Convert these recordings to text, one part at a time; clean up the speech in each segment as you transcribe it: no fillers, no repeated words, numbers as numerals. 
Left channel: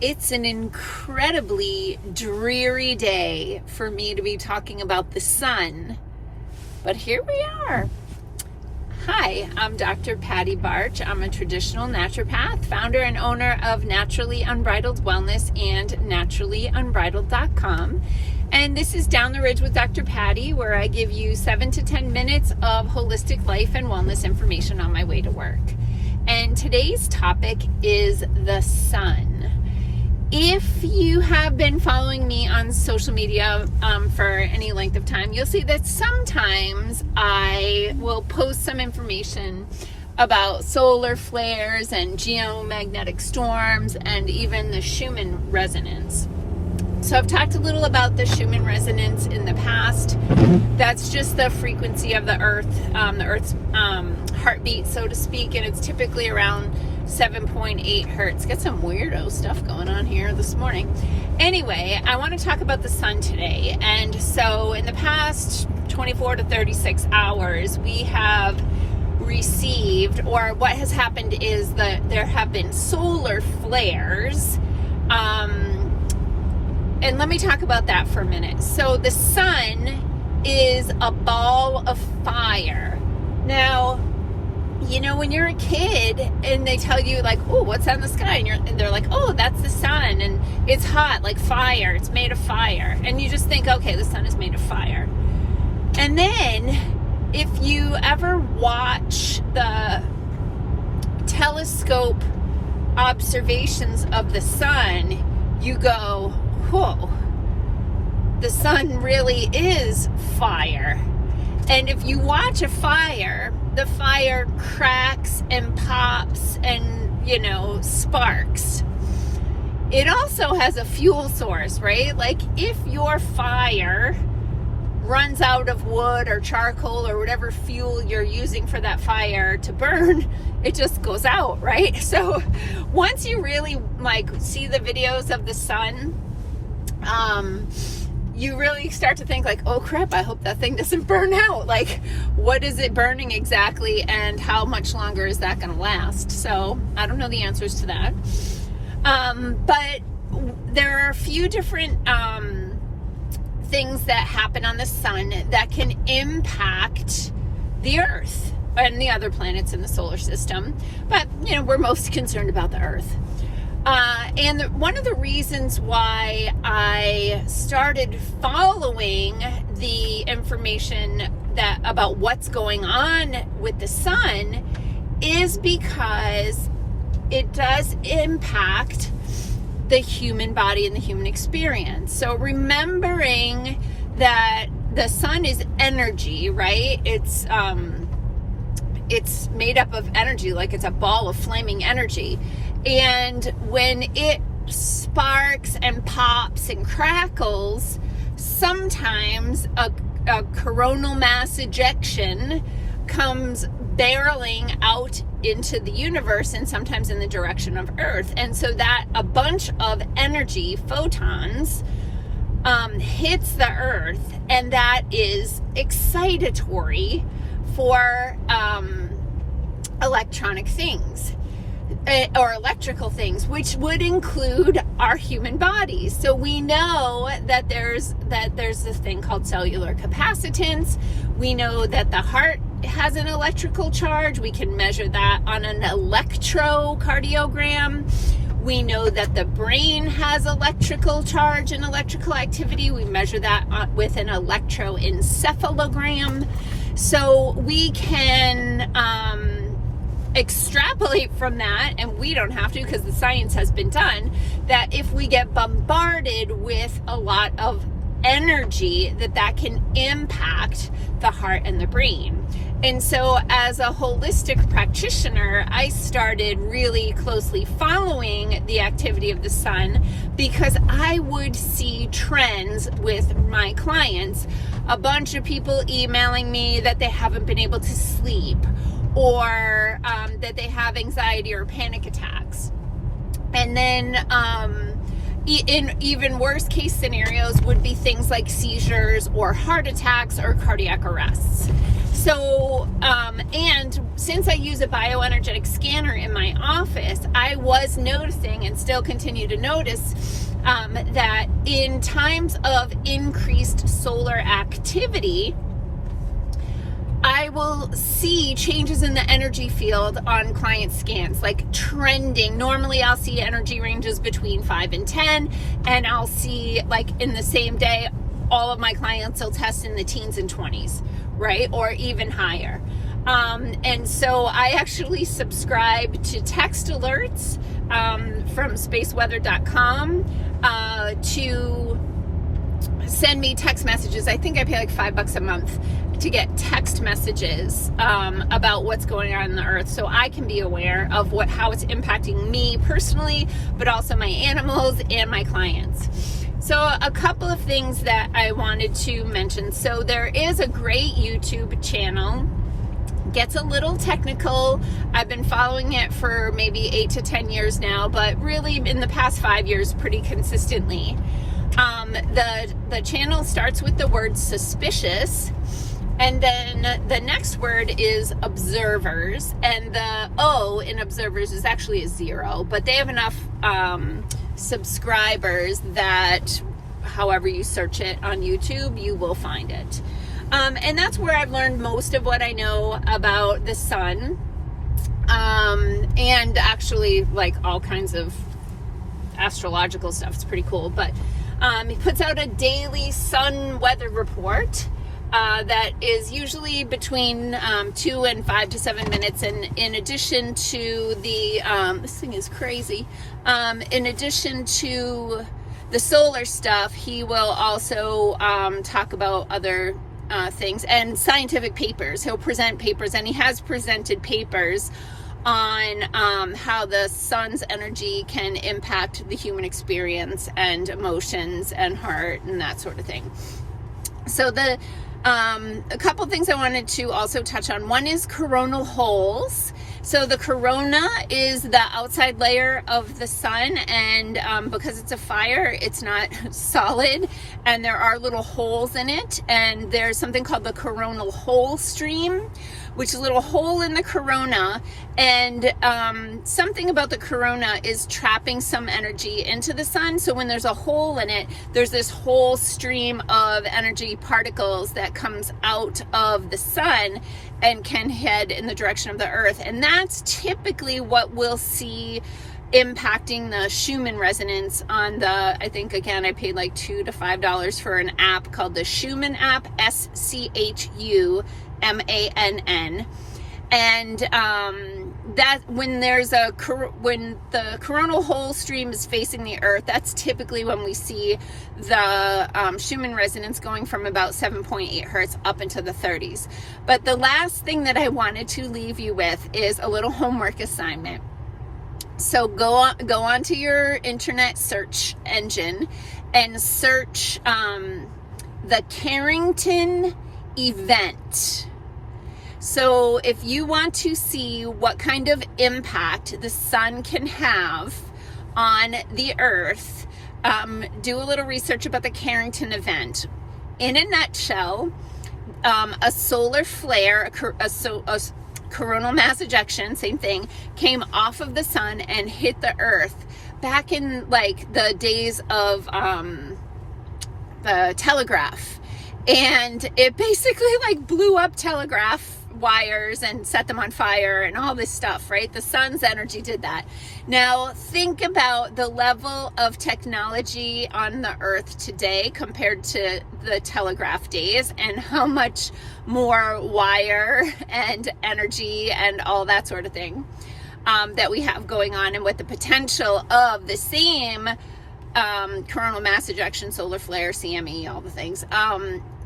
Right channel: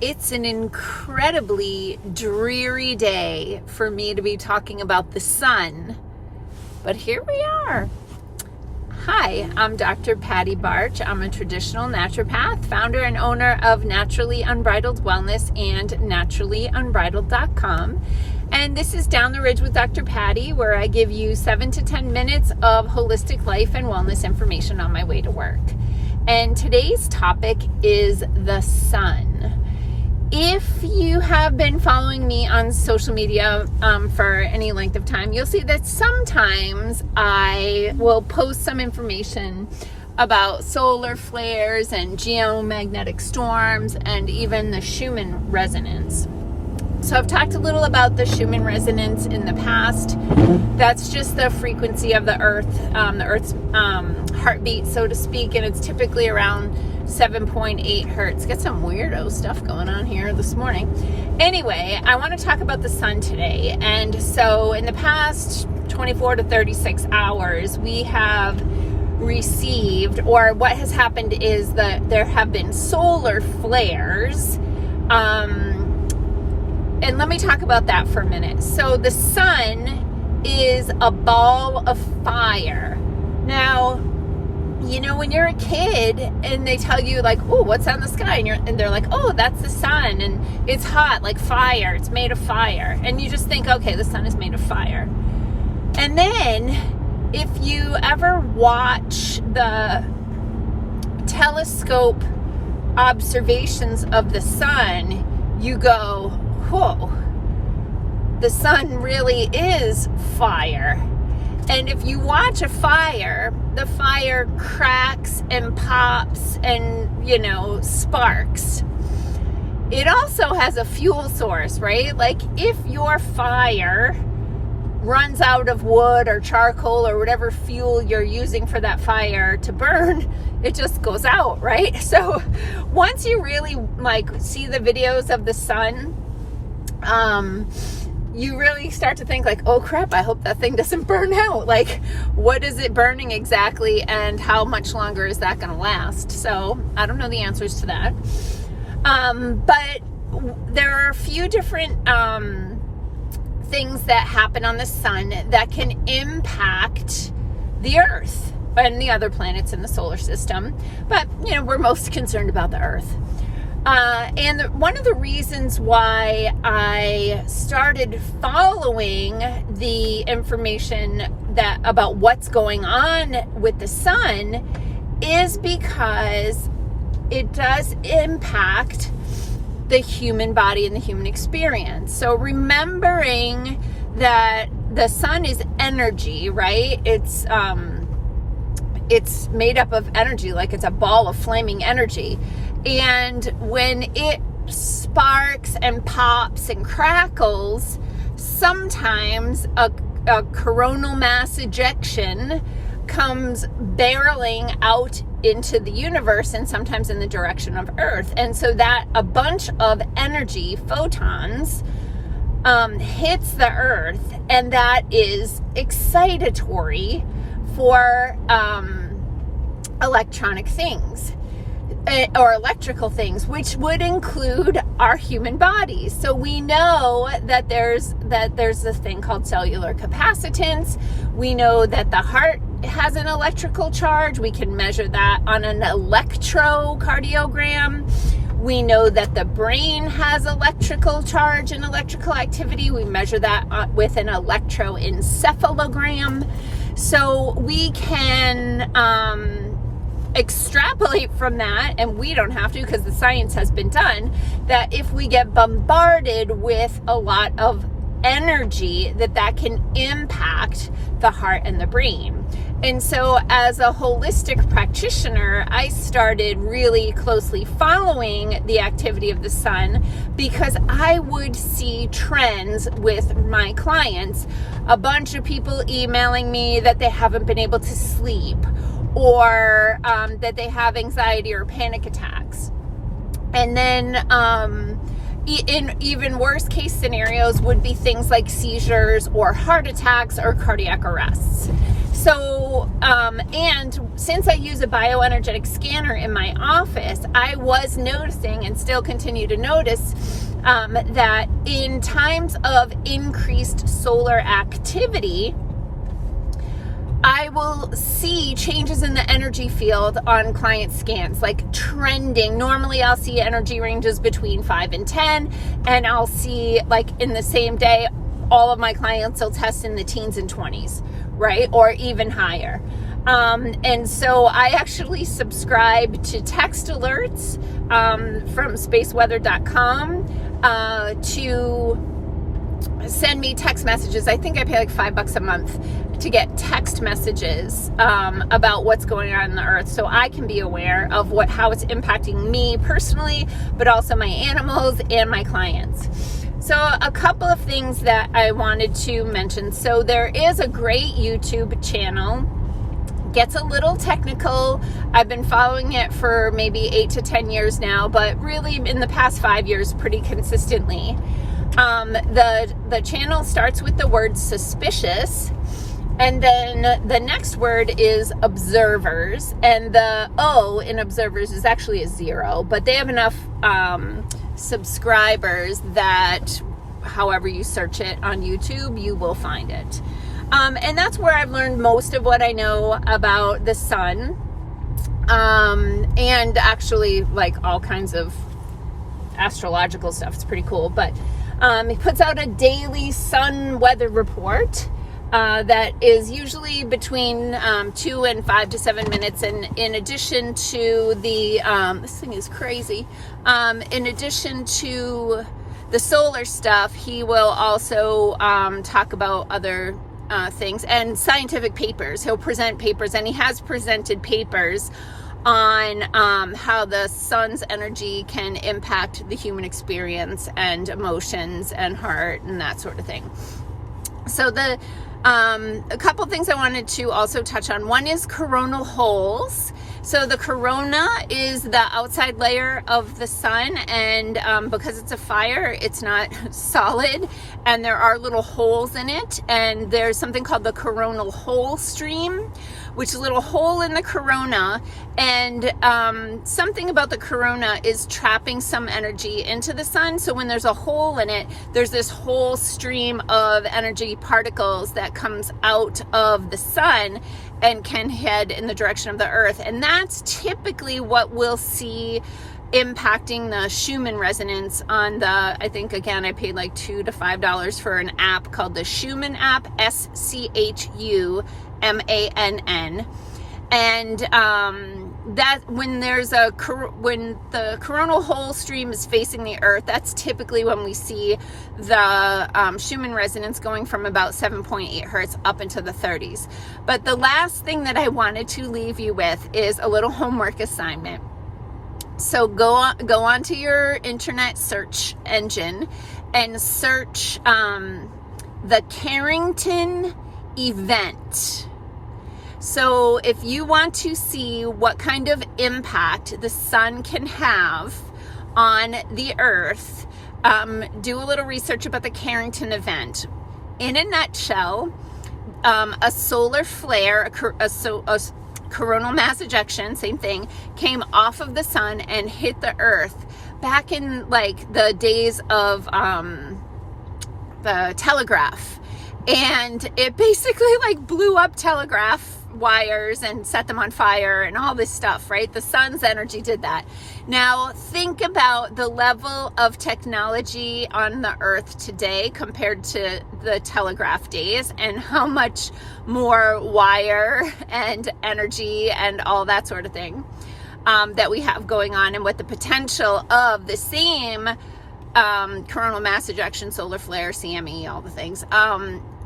It's an incredibly dreary day for me to be talking about the sun, but here we are. Hi, I'm Dr. Patty Barch. I'm a traditional naturopath, founder and owner of Naturally Unbridled Wellness and naturallyunbridled.com. And this is Down the Ridge with Dr. Patty, where I give you 7 to 10 minutes of holistic life and wellness information on my way to work. And today's topic is the sun. If you have been following me on social media for any length of time, you'll see that sometimes I will post some information about solar flares and geomagnetic storms and even the Schumann resonance. So I've talked a little about the Schumann resonance in the past. That's just the frequency of the Earth's heartbeat, so to speak, and it's typically around 7.8 hertz. Got some weirdo stuff going on here this morning. Anyway, I want to talk about the sun today. And so in the past 24 to 36 hours, we have received, or what has happened is that there have been solar flares. And let me talk about that for a minute. So the sun is a ball of fire. Now, you know, when you're a kid and they tell you like, oh, what's on the sky? And they're like, oh, that's the sun. And it's hot, like fire. It's made of fire. And you just think, okay, the sun is made of fire. And then if you ever watch the telescope observations of the sun, you go, whoa, the sun really is fire. And if you watch a fire, the fire cracks and pops and, you know, sparks. It also has a fuel source, right? Like if your fire runs out of wood or charcoal or whatever fuel you're using for that fire to burn, it just goes out, right? So once you really like see the videos of the sun, you really start to think like, oh crap, I hope that thing doesn't burn out. Like, what is it burning exactly and how much longer is that going to last? So I don't know the answers to that. But there are a few different things that happen on the sun that can impact the Earth and the other planets in the solar system. But, you know, we're most concerned about the Earth. And one of the reasons why I started following the information that about what's going on with the sun is because it does impact the human body and the human experience. So remembering that the sun is energy, right? It's made up of energy, like it's a ball of flaming energy. And when it sparks and pops and crackles, sometimes a coronal mass ejection comes barreling out into the universe and sometimes in the direction of Earth. And so that a bunch of energy, photons, hits the Earth, and that is excitatory for electronic things. Or electrical things, which would include our human bodies. So we know that there's this thing called cellular capacitance. We know that the heart has an electrical charge. We can measure that on an electrocardiogram. We know that the brain has electrical charge and electrical activity. We measure that with an electroencephalogram. So we can extrapolate from that, and we don't have to because the science has been done, that if we get bombarded with a lot of energy, that can impact the heart and the brain. And so as a holistic practitioner, I started really closely following the activity of the sun because I would see trends with my clients. A bunch of people emailing me that they haven't been able to sleep, or that they have anxiety or panic attacks. And then in even worse case scenarios would be things like seizures or heart attacks or cardiac arrests. So, and since I use a bioenergetic scanner in my office, I was noticing and still continue to notice that in times of increased solar activity, I will see changes in the energy field on client scans, like trending. Normally I'll see energy ranges between 5 and 10, and I'll see, like, in the same day, all of my clients will test in the teens and 20s, right? Or even higher. And so I actually subscribe to text alerts from spaceweather.com to send me text messages. I think I pay like $5 a month to get text messages about what's going on in the earth, so I can be aware of how it's impacting me personally, but also my animals and my clients. So a couple of things that I wanted to mention. So there is a great YouTube channel. Gets a little technical. I've been following it for maybe 8 to 10 years now, but really in the past 5 years pretty consistently. The channel starts with the word suspicious, and then the next word is observers, and the O in observers is actually a 0, but they have enough subscribers that however you search it on YouTube, you will find it. And that's where I've learned most of what I know about the sun, and actually like all kinds of astrological stuff. It's pretty cool, but he puts out a daily sun weather report that is usually between 2 and 5 to 7 minutes. And in addition to the, this thing is crazy. In addition to the solar stuff, he will also talk about other things and scientific papers. He'll present papers, and he has presented papers on how the sun's energy can impact the human experience and emotions and heart and that sort of thing. So a couple things I wanted to also touch on. One is coronal holes. So the corona is the outside layer of the sun, and because it's a fire, it's not solid, and there are little holes in it, and there's something called the coronal hole stream, which is a little hole in the corona, and something about the corona is trapping some energy into the sun. So when there's a hole in it, there's this whole stream of energy particles that comes out of the sun and can head in the direction of the earth. And that's typically what we'll see impacting the Schumann resonance on the, I think, again, I paid like $2 to $5 for an app called the Schumann app, SCHUMANN. And that when the coronal hole stream is facing the earth, that's typically when we see the Schumann resonance going from about 7.8 hertz up into the 30s. But the last thing that I wanted to leave you with is a little homework assignment. So go on to your internet search engine and search the Carrington event. So if you want to see what kind of impact the sun can have on the earth, do a little research about the Carrington event. In a nutshell, a solar flare, a coronal mass ejection, same thing, came off of the sun and hit the earth back in like the days of the telegraph. And it basically like blew up telegraph wires and set them on fire and all this stuff, right? The sun's energy did that. Now think about the level of technology on the earth today compared to the telegraph days, and how much more wire and energy and all that sort of thing that we have going on, and what the potential of the same coronal mass ejection, solar flare, CME, all the things,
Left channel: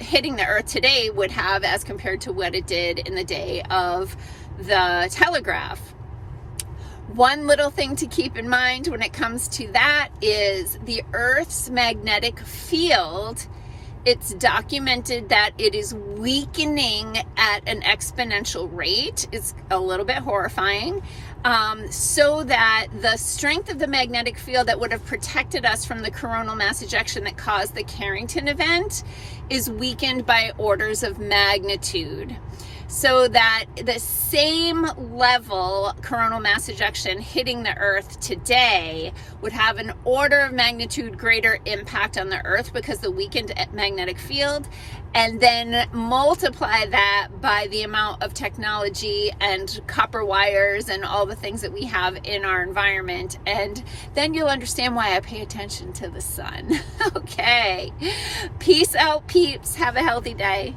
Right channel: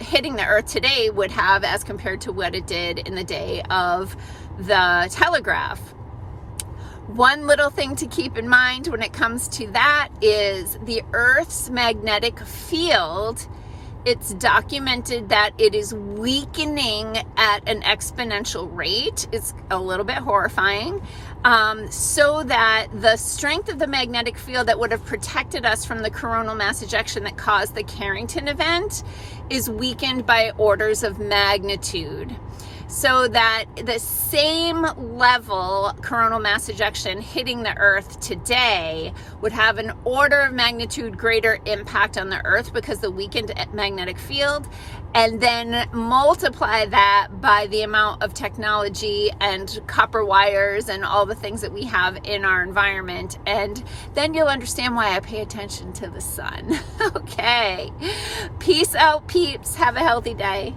hitting the earth today would have as compared to what it did in the day of the telegraph. One little thing to keep in mind when it comes to that is the Earth's magnetic field. It's documented that it is weakening at an exponential rate. It's a little bit horrifying. So that the strength of the magnetic field that would have protected us from the coronal mass ejection that caused the Carrington event is weakened by orders of magnitude. so that the same level coronal mass ejection hitting the Earth today would have an order of magnitude greater impact on the Earth because the weakened magnetic field, and then multiply that by the amount of technology and copper wires and all the things that we have in our environment. And then you'll understand why I pay attention to the sun. Okay. Peace out, peeps. Have a healthy day.